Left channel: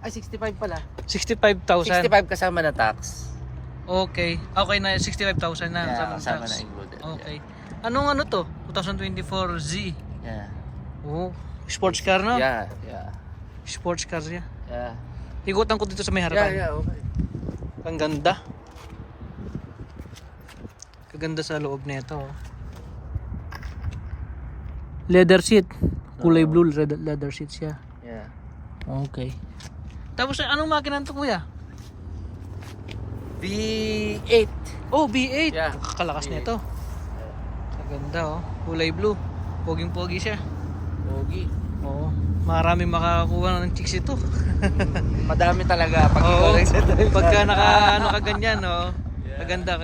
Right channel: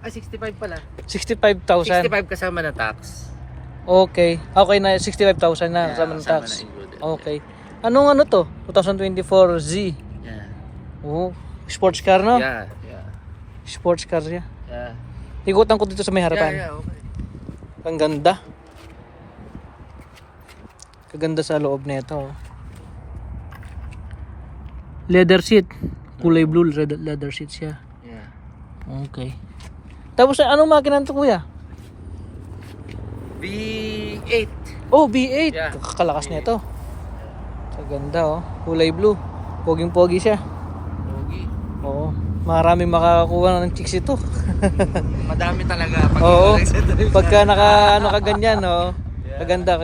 Ay, 65 pala. 65,000. 65 kasama na tax. Okay. Okay na 65,000 na Yeah, kasama ng kasama tax. na included. Okay. Anong ano to? 2024 Z. Yeah. Oh, sports car no? Yeah. Yeah. Sports car siya. Yeah. Ikutan ko dito sa may harapan. Yeah, okay. Ang ganda. Kaganda sa loob nito. Leather seat. Kulay blue leather seat siya. Yeah. Okay. Tapos anong makina to kuya? V8. Oh, V8. Yeah. Kakalakas V8. nito. Kaganda oh. Kulay blue. Poging-pogi siya. Pogi. Oo. Maraming makakakuha ng chicks ito. Madami talaga pag Oo. nag-settle Pagka naka ano ka ganyan, oh. Kaganda.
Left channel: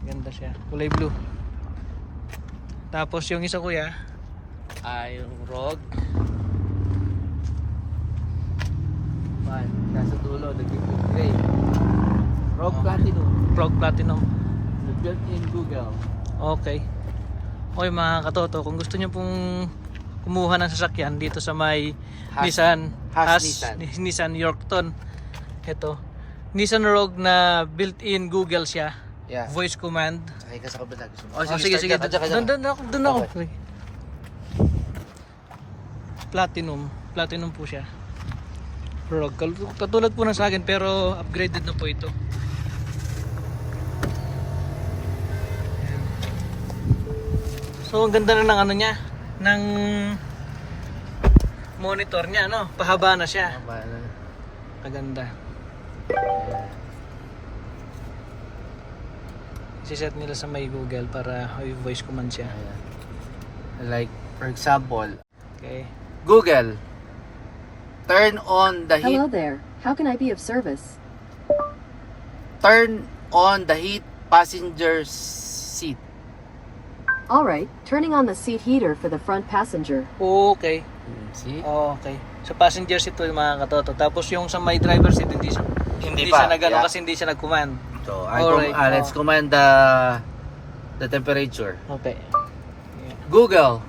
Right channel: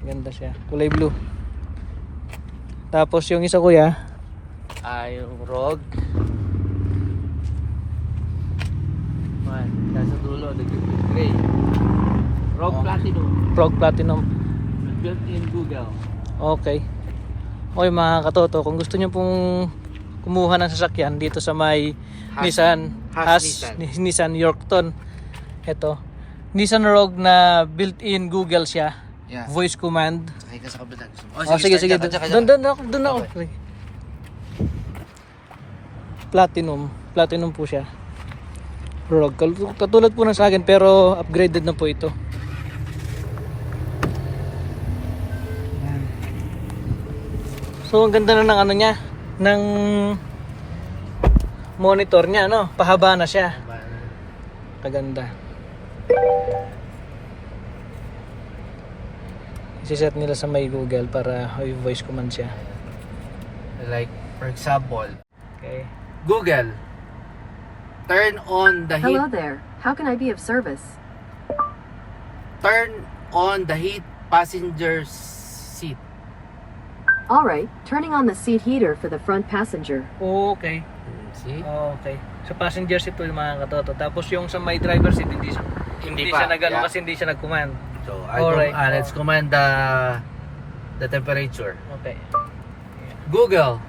Ganda siya. Kulay blue. Tapos yung isa kuya, yung Rogue. Nasa dulo, naging gray. Rogue Oh. Platinum. Frog Platinum. Built in Google. Okay. Okay mga katoto, kung gusto niyo pong kumuha ng sasakyan dito sa may Nissan Nissan Yorkton. Ito. Nissan Rogue na built-in Google siya. Yeah. Voice command. Sakay ka sa kabila. Oh, sige. Doon ako. Okay. Sige. Platinum po siya. Rogue. Katulad po ng sa akin pero upgraded na po ito. Ayan. So ang ganda na ng ano niya, ng monitor niya, no? Pahaba na siya. Kaganda. I-set nila sa may Google para may voice command siya. Like, for example, Okay. Google, turn on the heat. Hello there. How can I be of service? Turn on the heat passenger seat. All right, turning on the seat heater for the front passenger. Okay. See? Okay. Sa passenger seat to yung mga katoto. Tapos yung sa may driver seat hindi pa. siya nag-ano Yeah. kasi hindi siya nag-command. So, Alright. let's command the temperature. Okay. Google,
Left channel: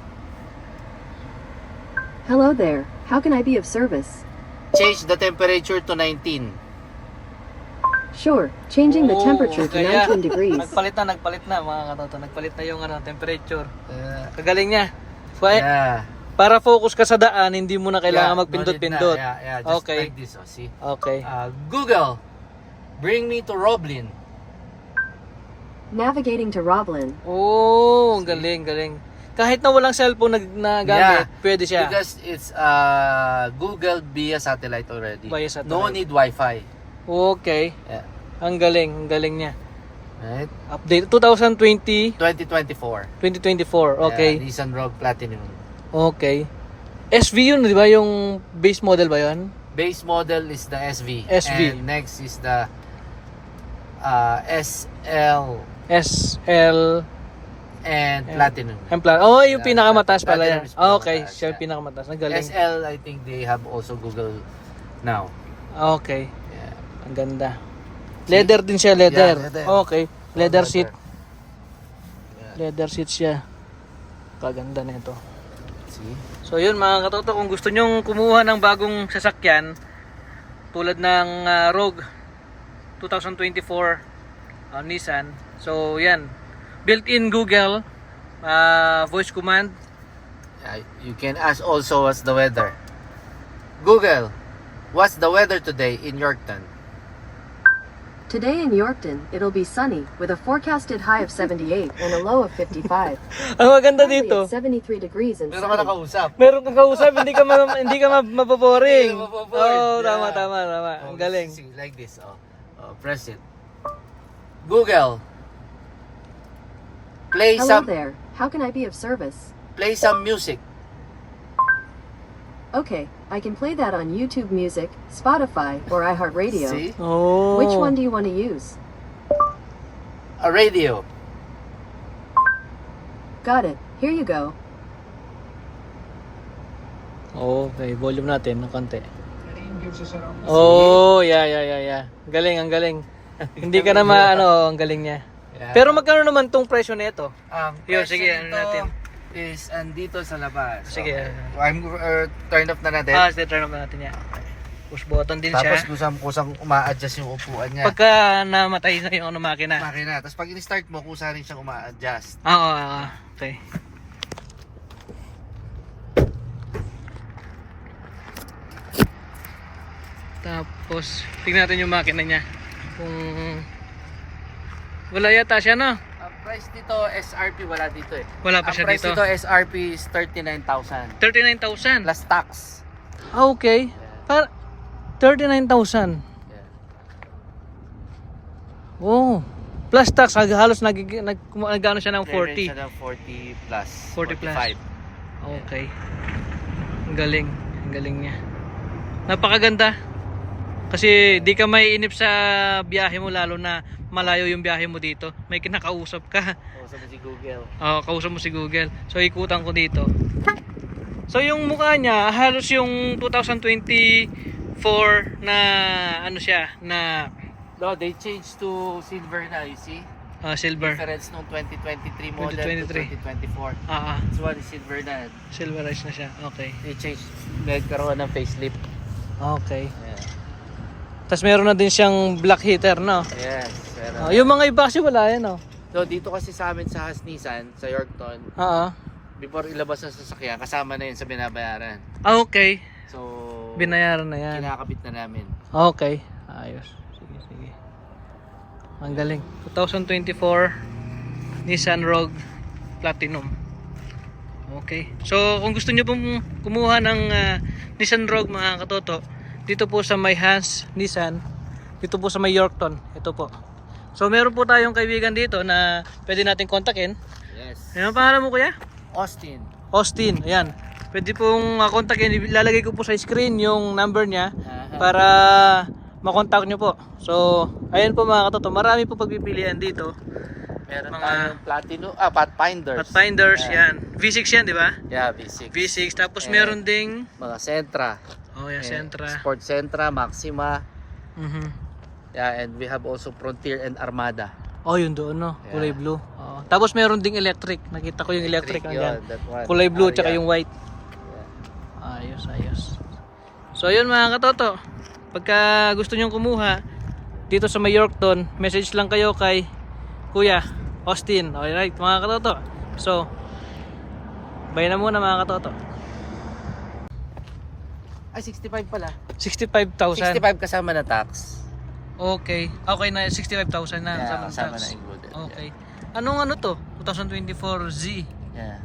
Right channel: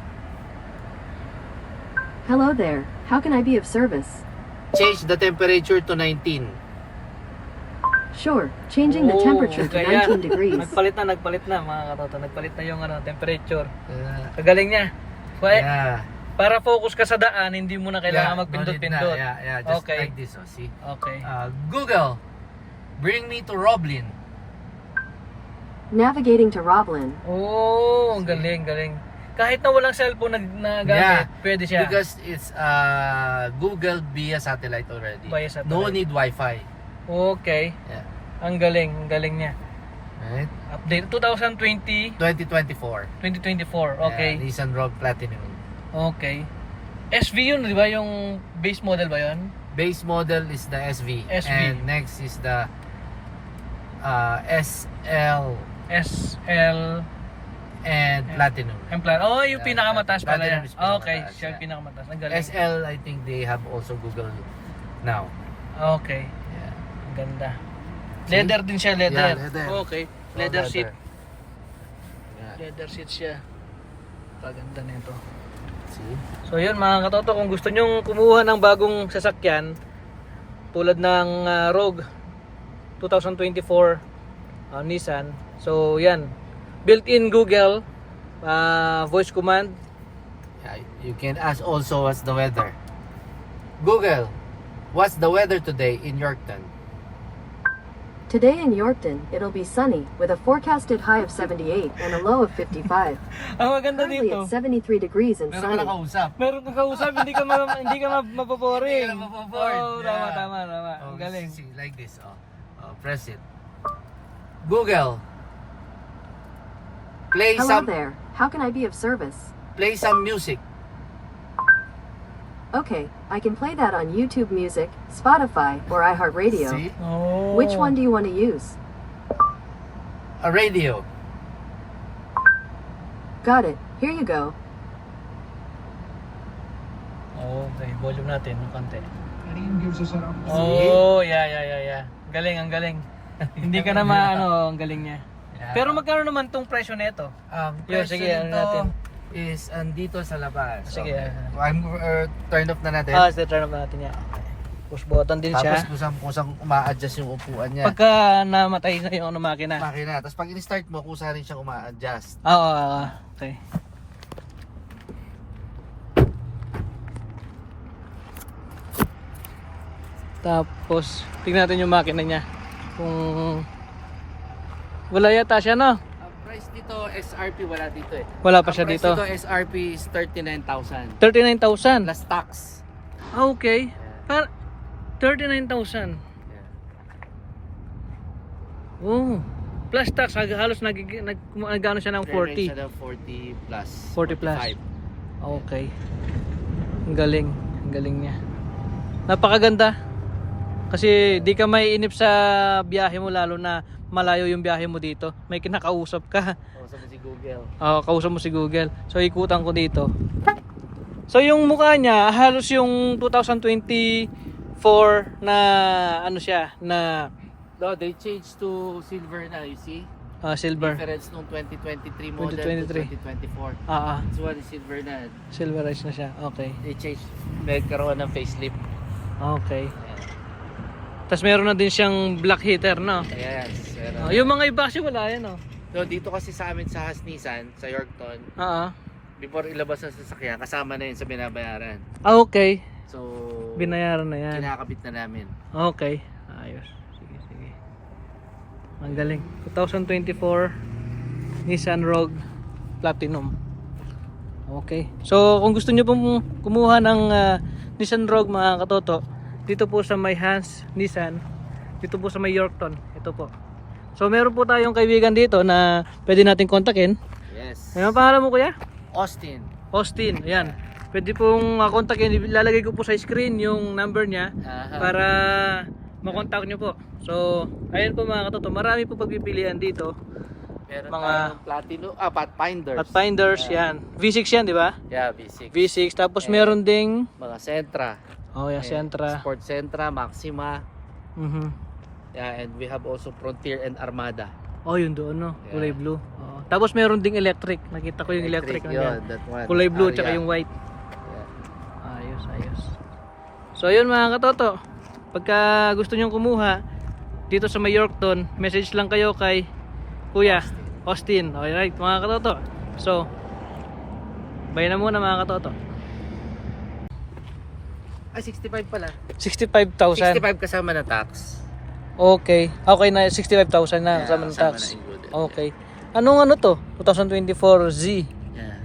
Hello there. How can I be of service? change the temperature to 19. Sure, changing the temperature to kaya 19 degrees. Nagpalit na mga katoto. Nagpalit na yung ano, temperature. Kagaling niya. Yeah. Para focus ka sa daan, hindi mo na kailangan Yeah, magpindot-pindot. no need na. Yeah, just Okay. like this. Oh, see? Okay. Google, bring me to Roblin. Navigating to Roblin. Oh, ang galing. Kahit na walang cellphone na gamit, Yeah. pwede siya. Because it's Google via satellite already. Via satellite. No need Wi-Fi. Okay. Yeah. Ang galing niya. Right? Update 2020, 2024. 2024. Okay. Yeah, Nissan Rogue Platinum. Okay. SV yun, di ba? Yung base model ba yun? Base model is the SV. SV. And next is the SL SL and Platinum. Oh, yung Yeah, pinakamataas pala Platinum yan. is Okay, pinakamataas, siya yung yeah. pinakamataas. Ang galing. SL, I think they have also Google now. Okay. Yeah. Ang ganda. Leather din siya, leather. Yeah, leather. Okay. Leather seat. Yeah. Leather seat siya. Kaganda nito. See? So yun mga katoto, kung gusto nyong kumuha ng bagong sasakyan tulad ng Rogue 2024 Nissan. So yan, built-in Google voice command. You can ask also what's the weather. Google, what's the weather today in Yorkton? Today in Yorkton, it'll be sunny with a forecasted high of 78 and a low of 55. Ang maganda Currently dito, it's 73 degrees and Meron ka sunny. nakausap. meron kang kausap, hindi ka mapaboring. Hindi ka mapaboring. Oo, Yeah. tama. Ang galing. See, like this. Press it. Google, play Hello some there. How can I be of service? play some music. Okay, I can play that on YouTube Music, Spotify, or iHeartRadio. See? Oh. Which one do you want to use? A radio. Got it. Here you go. Okay, volume natin ng konti. Oh, yeah. Ang galing. Hindi ka na ang galing niya. Yeah. Pero magkano naman tong presyo nito? Yun, sige, presyo ano nito natin. Is andito sa labas. Sige, I'm turn off na natin. Sige, turn off natin yan. Push button din siya. Tapos kusang uma-adjust yung upuan niya. Pagka namatay na yung makina. Makina. Tapos pag in-start mo, kusa rin siyang uma-adjust. Oo, okay. Tapos, tingnan natin yung makina niya. Kung wala yata siya, no? Ang price dito, SRP, wala dito eh. Wala pa siya Ang price dito. dito, SRP is 39,000. 39,000. Plus tax. Ah, okay. Para 39,000. Oh. Plus tax, halos nag-ano siya ng 40. Siya ng 40 plus. 40 plus. 45. Okay. Ang galing. Ang galing niya. Napakaganda. Kasi di ka maiinip sa biyahe mo, lalo na malayo yung biyahe mo dito. May kinakausap ka. Kausap mo si Google. Oo, kausap mo si Google. So ikutan ko dito. So yung mukha niya, halos yung 2024 na ano siya, na No, they changed to silver na, you see? silver. Difference nung 2023 model 2023. to 2024. Ah, This one is silver na. silverized na siya. Okay. They changed. Ngayon karoon ng facelift. Okay. Yeah. Tapos meron na din siyang black heater, no? Yes. Pero, Yung mga iba kasi wala yan, no? so dito kasi sa amin sa Nissan, sa Yorkton, before ilabas ang sasakyan, kasama na yun sa binabayaran. Okay. So, Binayaran na yan. kinakabit na namin. Okay. Ayos. Sige, sige. Ang galing. 2024 Nissan Rogue Platinum. Okay. So, kung gusto niyo pong kumuha ng Nissan Rogue, mga katoto, dito po sa may Hans Nissan, dito po sa may Yorkton. Ito po. So, meron po tayong kaibigan dito na pwede natin kontakin. Yes. Ano ang pangalan mo, kuya? Austin. Austin. Ayan. Pwede pong kontakin. Ilalagay ko po sa screen yung number niya Aha. para makontak nyo po. So, ayun po mga katoto, marami po pagpipilian dito. Meron Mga tayong Platinum, Pathfinders. Pathfinders, yan. V6 yan, di ba? Yeah, V6. V6. Tapos meron ding, Mga Sentra. oh yeah, Sentra. Sport Sentra, Maxima. Yeah, and we have also Frontier and Armada. Oh, yun doon, no? Kulay blue. Oo. Tapos meron ding electric. Nakita ko yung electric nandyan. yun, that one. Kulay blue, tsaka Yeah. yung white. Ayos, ayos. So, yun mga katoto. Pagka gusto nyong kumuha dito sa may Yorkton, message lang kayo kay Kuya Austin. Alright, mga katoto. So, bye na muna mga katoto. Ay, 65 pala. 65,000. 65 kasama na tax. Okay. Okay na 65,000 na kasama ng kasama tax. na included. Okay. Anong ano to? 2024 Z. Yeah.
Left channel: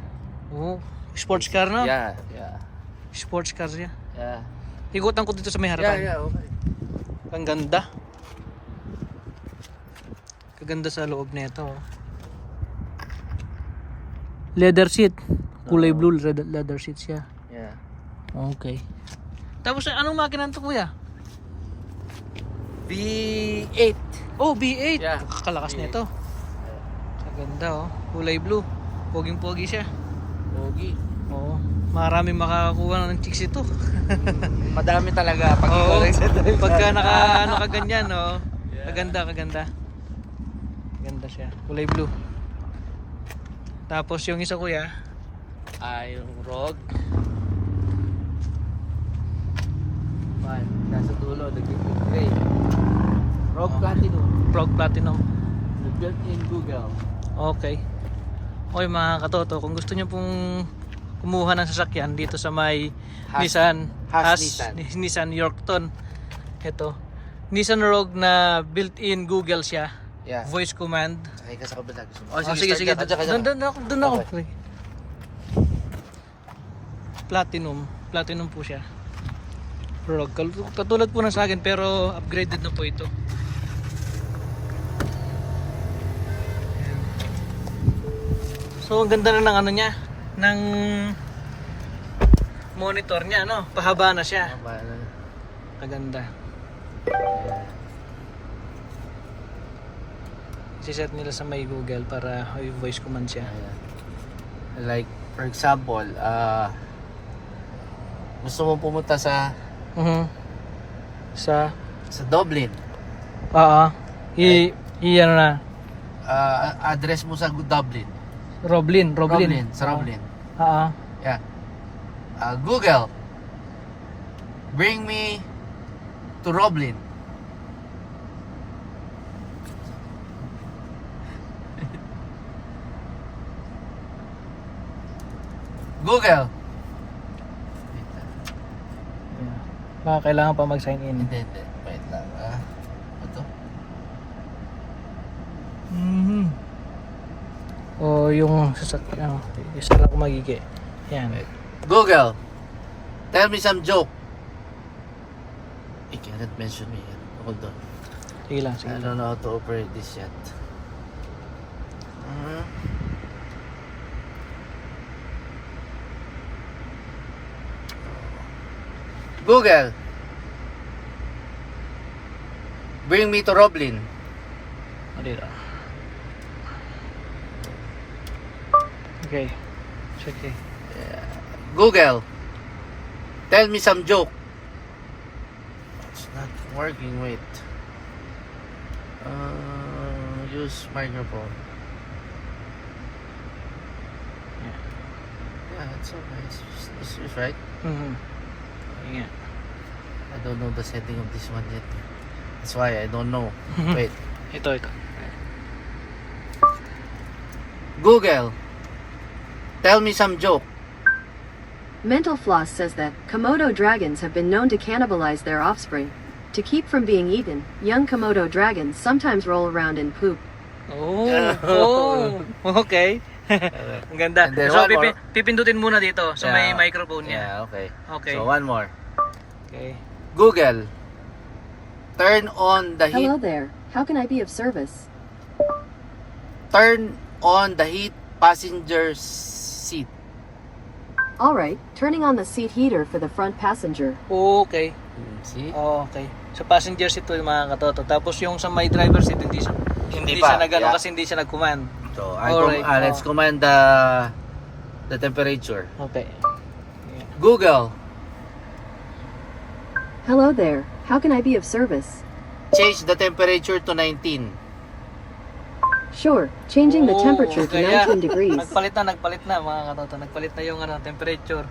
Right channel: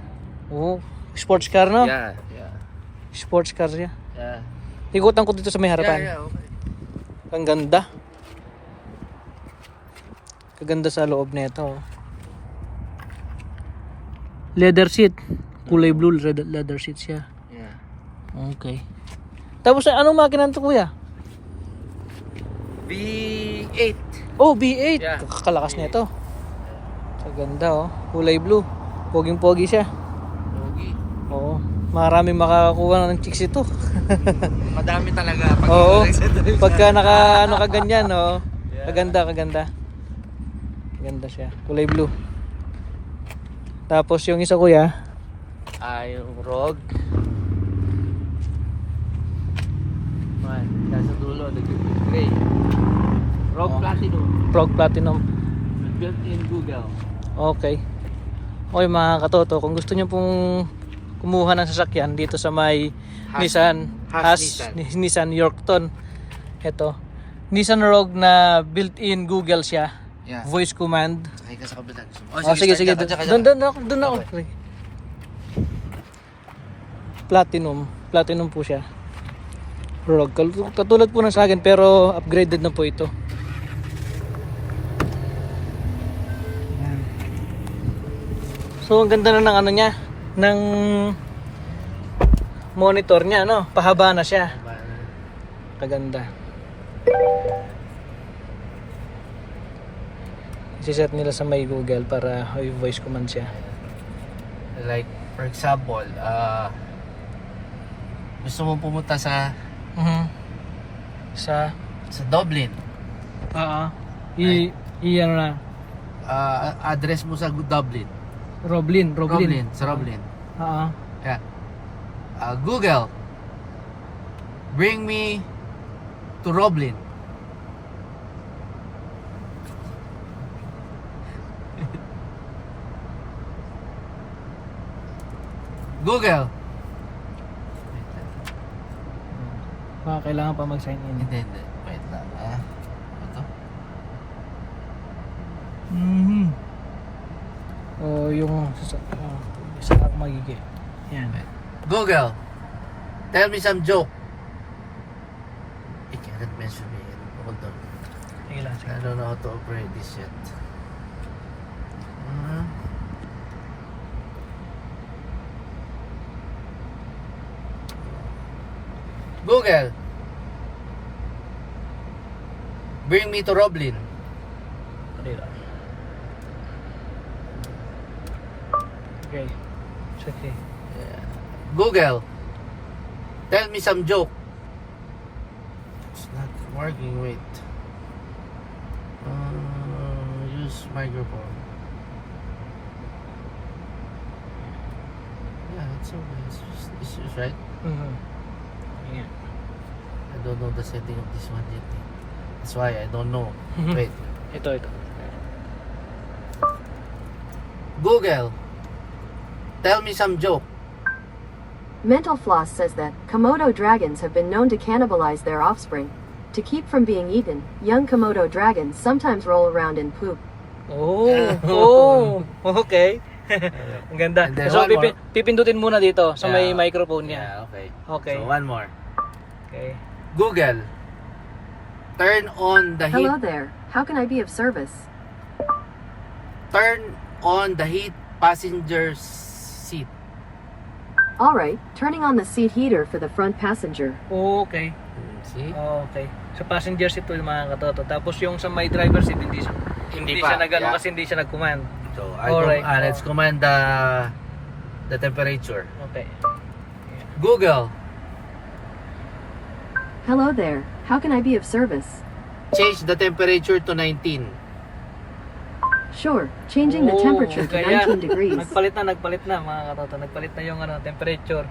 Oh, sports car, no? Yeah. Yeah. Sports car siya. Yeah. Ikutan ko dito sa may harapan. Yeah, okay. Ang ganda. Kaganda sa loob nito. Leather seat. Kulay blue leather seat siya. Yeah. Okay. Tapos anong makina to, kuya? V8. Oh, V8. Yeah. Kakalakas nito. Kaganda, oh. Kulay blue. Poging-pogi siya. Pogi. Oo. Maraming makakakuha ng chicks ito. Madami talaga pag Oo. Pagka naka ano ka ganyan, oh. Kaganda, kaganda. Kaganda siya. Kulay blue. Tapos yung isa, kuya, yung Rogue. Nasa dulo, nag-built gray. Rogue Oh. Platinum. Rogue Platinum. Built in Google. Okay. Okay mga katoto, kung gusto niyo pong kumuha ng sasakyan dito sa may Nissan Nissan Yorkton. Ito. Nissan Rogue na built-in Google siya. Yeah. Voice command. Sakay ka sa kabila. Oh, sige, sige. Doon ako. Platinum po siya. Rogue. Katulad po ng sa akin pero upgraded na po ito. Ayan. So ang ganda na ng ano niya, ng monitor niya, no? Pahaba na siya. Kaganda. Siset nila sa may Google para may voice command siya. Like, for example, gusto mo pumunta sa Sa Dublin. ano na, Address mo sa Dublin. Roblin. Sa Roblin. Oo. Yeah. Google, bring me to Roblin. Google. Baka kailangan pa mag-sign in. Hindi. Wait lang Ito. O yung sasakyan. Isa lang magiging. Yan. Wait. Google. Tell me some joke. It cannot mention me yet. Hold on. Sige lang. I don't know how to operate this yet. Google. Bring me to Roblin. Dito. Okay. It's okay. Google. Tell me some joke. It's not working. Wait. Use microphone. Yeah, it's okay. It's right. Yeah. I don't know the setting of this one yet. That's why I don't know. Wait. Ito. Google. Tell me some joke. Mental Floss says that Komodo dragons have been known to cannibalize their offspring. To keep from being eaten, young Komodo dragons sometimes roll around in poop. Oh, okay. Ang ganda. And then So, one more. pipindutin muna dito sa may Yeah. microphone niya. Yeah, okay. Okay. So one more. Okay. Google. Turn on the heat. Hello there. How can I be of service? Turn on the heat passenger seat. All right, turning on the seat heater for the front passenger. Okay. See? Okay. Sa passenger seat to yung mga katoto. Tapos yung sa may driver seat, hindi pa. siya nag-ano Yeah. kasi hindi siya nag-command. So Alright. let's command the temperature. Okay. Google. Hello there. How can I be of service? Change the temperature to 19. Sure, changing the temperature to kaya 19 degrees. Nagpalit na mga katoto. Nagpalit na yung temperature.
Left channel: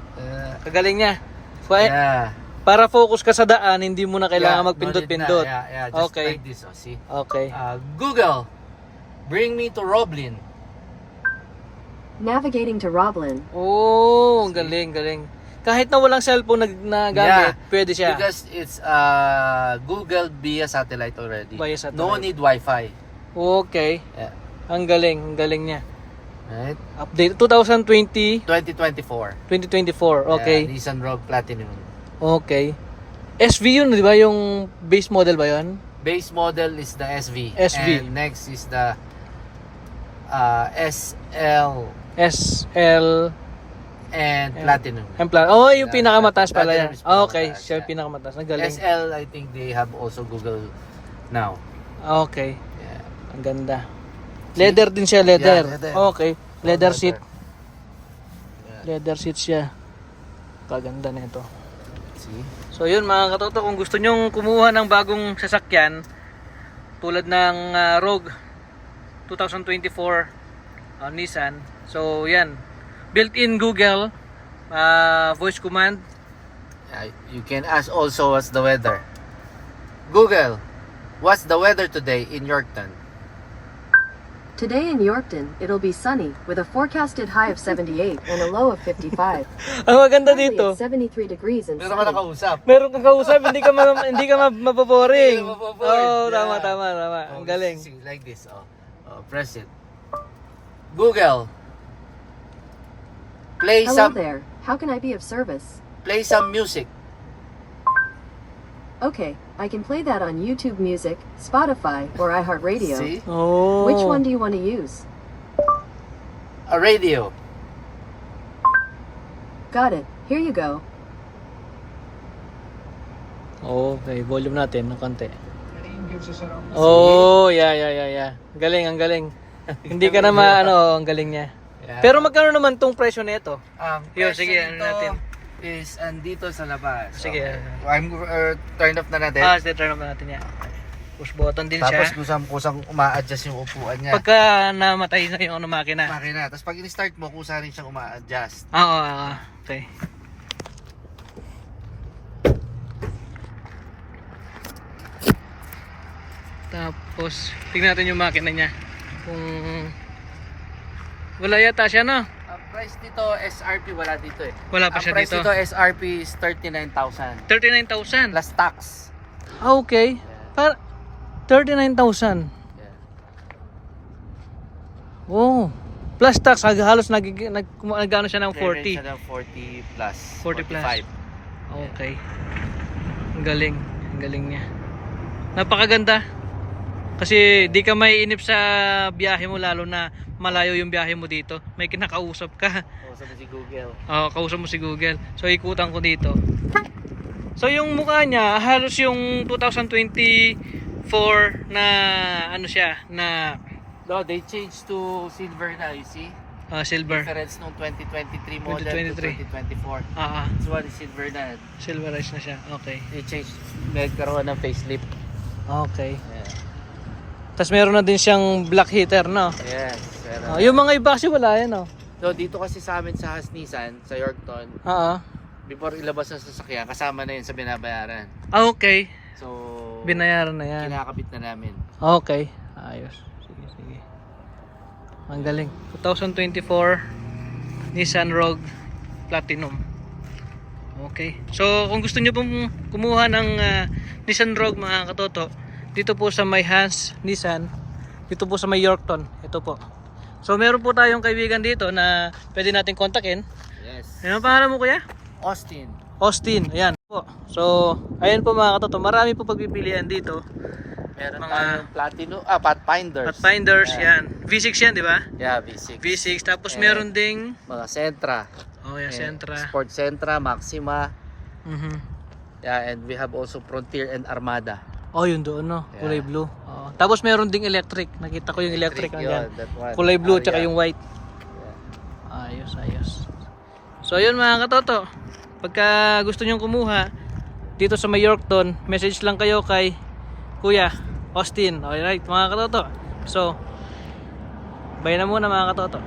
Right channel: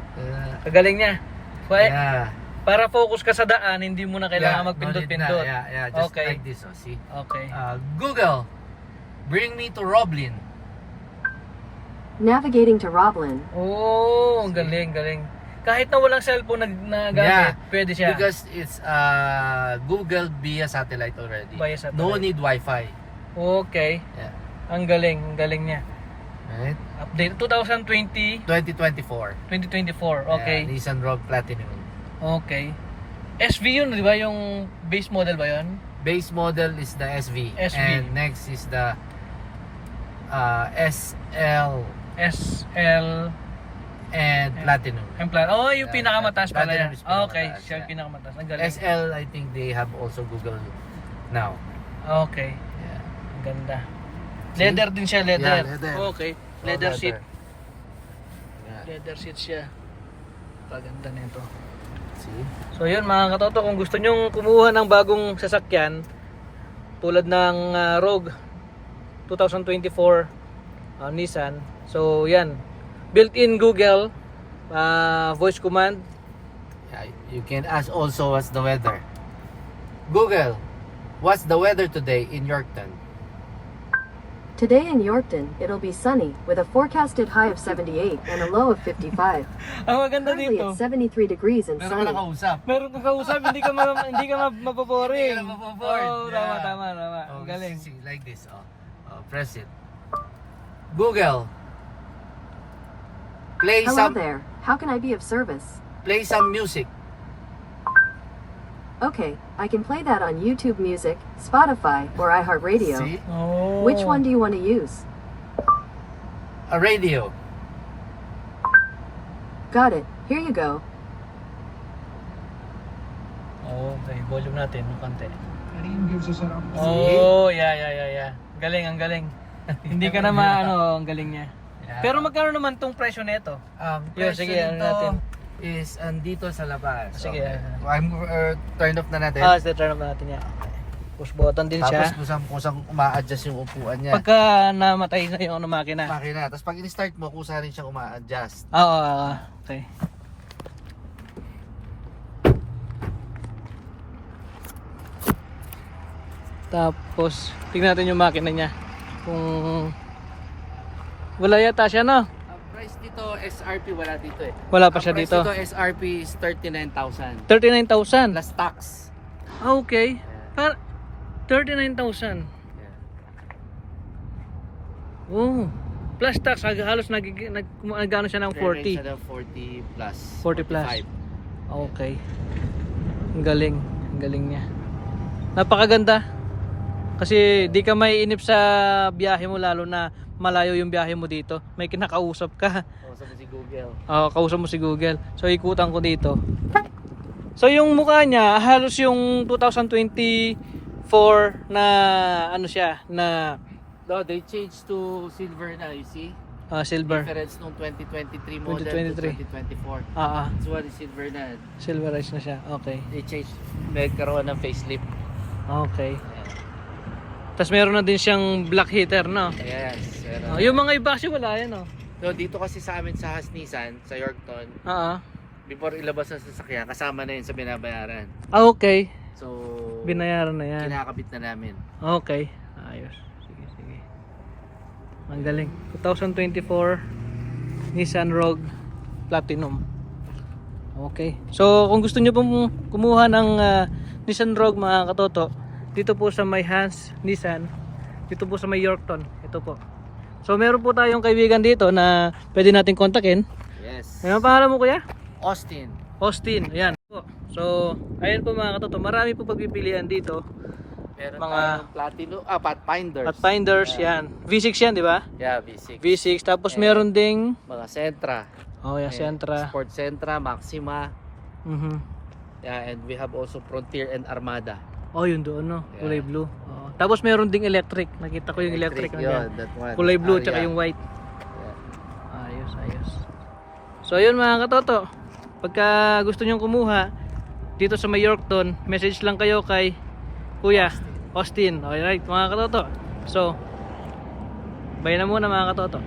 Kagaling niya. Yeah. Para focus ka sa daan, hindi mo na kailangan Yeah, magpindot-pindot. no need na. Yeah, just Okay. like this. Oh, see? Okay. Google. Bring me to Roblin. Navigating to Roblin. Oh, ang galing. Kahit na walang cellphone na gamit, Yeah, pwede siya. Because it's Google via satellite already. Via satellite. No need Wi-Fi. Okay. Yeah. Ang galing niya. Right? Update 2020, 2024. 2024. Okay. Yeah, Nissan Rogue Platinum. Okay. SV yun, di ba? Yung base model ba yun? Base model is the SV. SV. And next is the SL SL and Platinum. and plan. Oh, yung Yeah, pinakamataas pala Platinum yan. is Okay, pinakamataas, siya yeah. yung pinakamataas. Ang galing. SL, I think they have also Google now. Okay. Yeah. Ang ganda. Leather din siya, leather. Yeah, leather. Okay. Leather seat. Yeah. Leather seat siya. Kaganda na ito. See? So yun mga katoto, kung gusto nyong kumuha ng bagong sasakyan tulad ng Rogue 2024 Nissan. So yan, built-in Google voice command. You can ask also what's the weather. Google, what's the weather today in Yorkton? Today in Yorkton, it'll be sunny with a forecasted high of 78 and a low of 55. Ang maganda Currently dito, it's 73 degrees and Meron ka sunny. nakausap. meron kang kausap, hindi ka mapaboring. Hindi ka mapaboring. Oh, Yeah. tama. Ang galing. See, like this. Press it. Google, play Hello some there. How can I be of service? music. Okay, I can play that on YouTube Music, Spotify, or iHeartRadio. See? Oh. Which one do you want to use? A radio. Got it. Here you go. Okay, volume natin ng konti. Oh, yeah. Ang galing. Hindi ka na ang galing niya. Yeah. Pero magkano naman tong presyo nito? Yo, presyo sige, ano nito natin? is andito sa labas. Sige, I'm turn off na natin. turn off natin yan. Push button din siya. Tapos kusang uma-adjust yung upuan niya. Pagka namatay na yung makina. Makina. Tapos pag in-start mo, kusa rin siyang uma-adjust. Oo, okay. Tapos, tingnan natin yung makina niya. Kung wala yata siya, no? Ang price dito, SRP wala dito eh. Wala pa siya Ang price dito. dito, SRP is 39,000. 39,000. Plus tax. Ah, okay. Para 39,000. Oh. Plus tax, halos nagano siya ng 40. Siya ng 40 plus. 40 plus. 45. Okay. Ang galing. Ang galing niya. Napakaganda. Kasi di ka may inip sa biyahe mo, lalo na malayo yung biyahe mo dito. May kinakausap ka. Kausap mo si Google. Oo, kausap mo si Google. So ikutan ko dito. So yung mukha niya, halos yung 2024 na ano siya, na No, they changed to silver na, you see? silver. Difference nung 2023 model 2023. to 2024. Ah, This one is silver na. silverize na siya. Okay. They changed, may karoon ng facelift. Okay. Yeah. Tapos meron na din siyang black heater, no? Yes. Pero, Yung mga iba kasi wala yan, no? so dito kasi sa amin sa Nissan, sa Yorkton, Ah, before ilabas ng sasakyan, kasama na yun sa binabayaran. okay. So, Binayaran na yan. kinakabit na namin. Okay. Ayos. Sige, sige. Ang galing. 2024 Nissan Rogue Platinum. Okay. So, kung gusto niyo pong kumuha ng Nissan Rogue, mga katoto, dito po sa may Hans Nissan, dito po sa may Yorkton. Ito po. So, meron po tayong kaibigan dito na pwede natin kontakin. Yes. Ano ang pangalan mo, kuya? Austin. Austin. Ayan po. So, ayun po, mga katoto. Marami po pagpipilian dito. Meron Mga- tayong Platinum, Pathfinders. Pathfinders, yan. V6 yan, di ba? Yeah, V6. V6. Tapos Yeah. meron ding Mga Sentra. oh, yeah, Ayan, Sentra. Sport Sentra, Maxima. Mhm. Yeah, and we have also Frontier and Armada. Oh, yun doon, no? Yeah. Kulay blue. Oo. Tapos meron ding electric. Nakita ko yung electric Yun, nandiyan. that one. Kulay blue Oh, tsaka yeah. yung white. Ayos, ayos. So, yun mga katoto. Pagka gusto nyong kumuha dito sa may Yorkton, message lang kayo kay Kuya Austin. Alright, mga katoto. So, bye na muna mga katoto.